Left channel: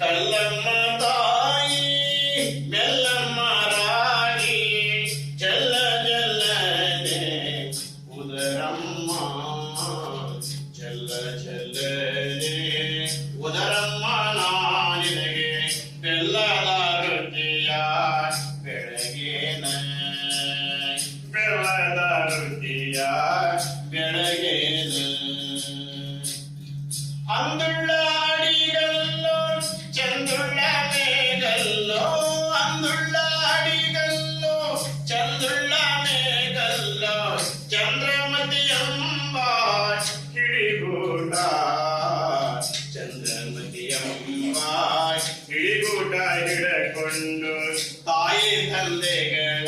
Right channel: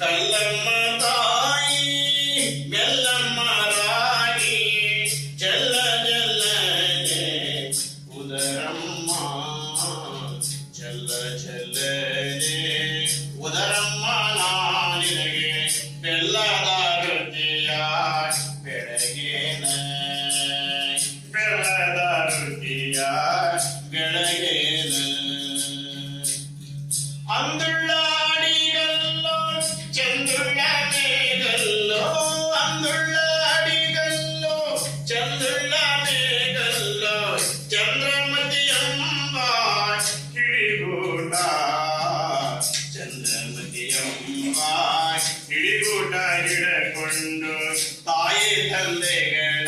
கல்லம்ம అందుళ్ళ అడిగల్లో చంద్రుళ్ళ మేఘల్లో అందుళ్ళ అడిగల్లో చంద్రుళ్ళ మేఘల్లో చంద్రమతి అంబ కిడిగూట చంద్రమతి అంబ ಕಿಡಿಗೂಟ ಹಿಡಕೊಂಡು ತಾಯಿ ತಂದೆಗಳ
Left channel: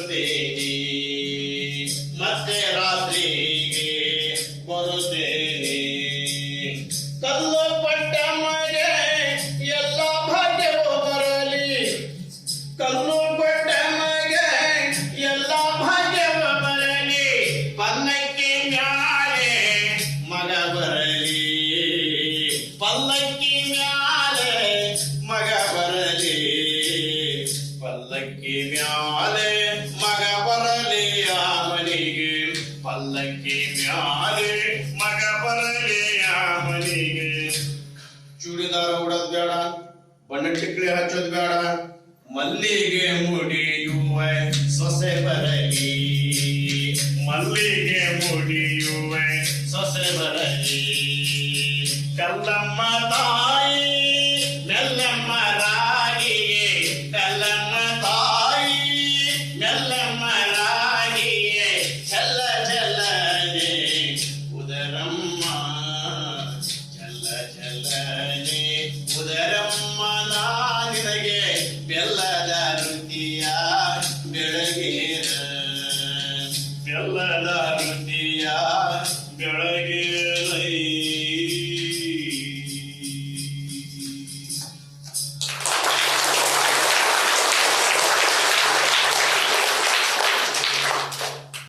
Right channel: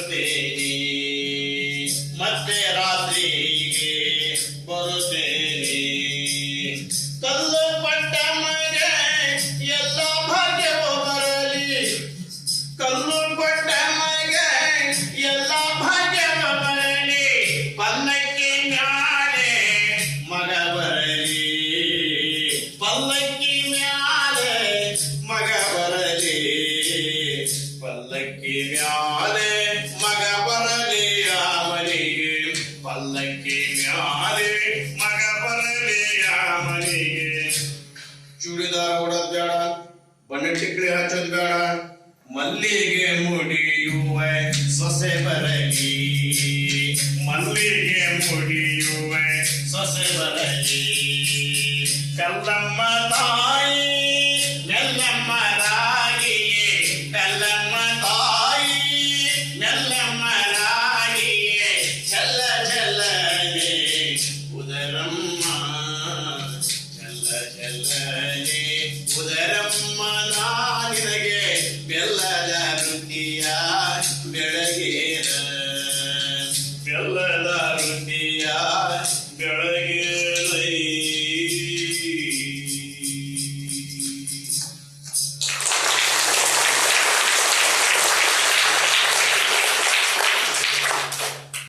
ಬರುತ್ತೇನೆ ಮತ್ತೆ ರಾತ್ರಿಗೆ ಬರುತ್ತೇನೆ ಕಲ್ಲು ಪಟ್ಟ ಮಗೆ ಎಲ್ಲ ಭಾಗ್ಯವೂ ಬರಲಿ ಕಲ್ಲು ಪಟ್ಟ ಮಗೆ ಎಲ್ಲ ಭಾಗ್ಯವ ಬರಲಿ ಪಲ್ಲಕ್ಕಿ ಮ್ಯಾಲೆ ಮಗ ಬರಲಿ ಪಲ್ಲಕ್ಕಿ ಮ್ಯಾಲೆ ಮಗ ಬರಲಿ ಪಲ್ಲಕ್ಕಿ ಮ್ಯಾಲೆ ಪಲ್ಲಕ್ಕಿ ಮ್ಯಾಲೆ ಮಗ ಬರಲಿ ಆ ಮನಿಗೆ ಚೂಡಿದಾರ ಉಡೋದ್ ಬೇಡ ಬಣ್ಣ ಟಿಕ್ಲಿ ಹಚ್ಚೋದ್ ಬೇಡ, ಮಲ್ಲಿಗೆ ಮುಡಿಯುವ ಸೊಸೆ ಬರಲಿ. ಮಲ್ಲಿಗೆ ಮುಡಿಯುವ ಸೊಸೆ ಬರಲಿ. ಕಲ್ಲಮ್ಮ ತಾಯಿ ಬೆಳಗೇನ ಬೆಲ್ಲದ ವೃತ್ತಿಯ ಬೆಳಗೇನ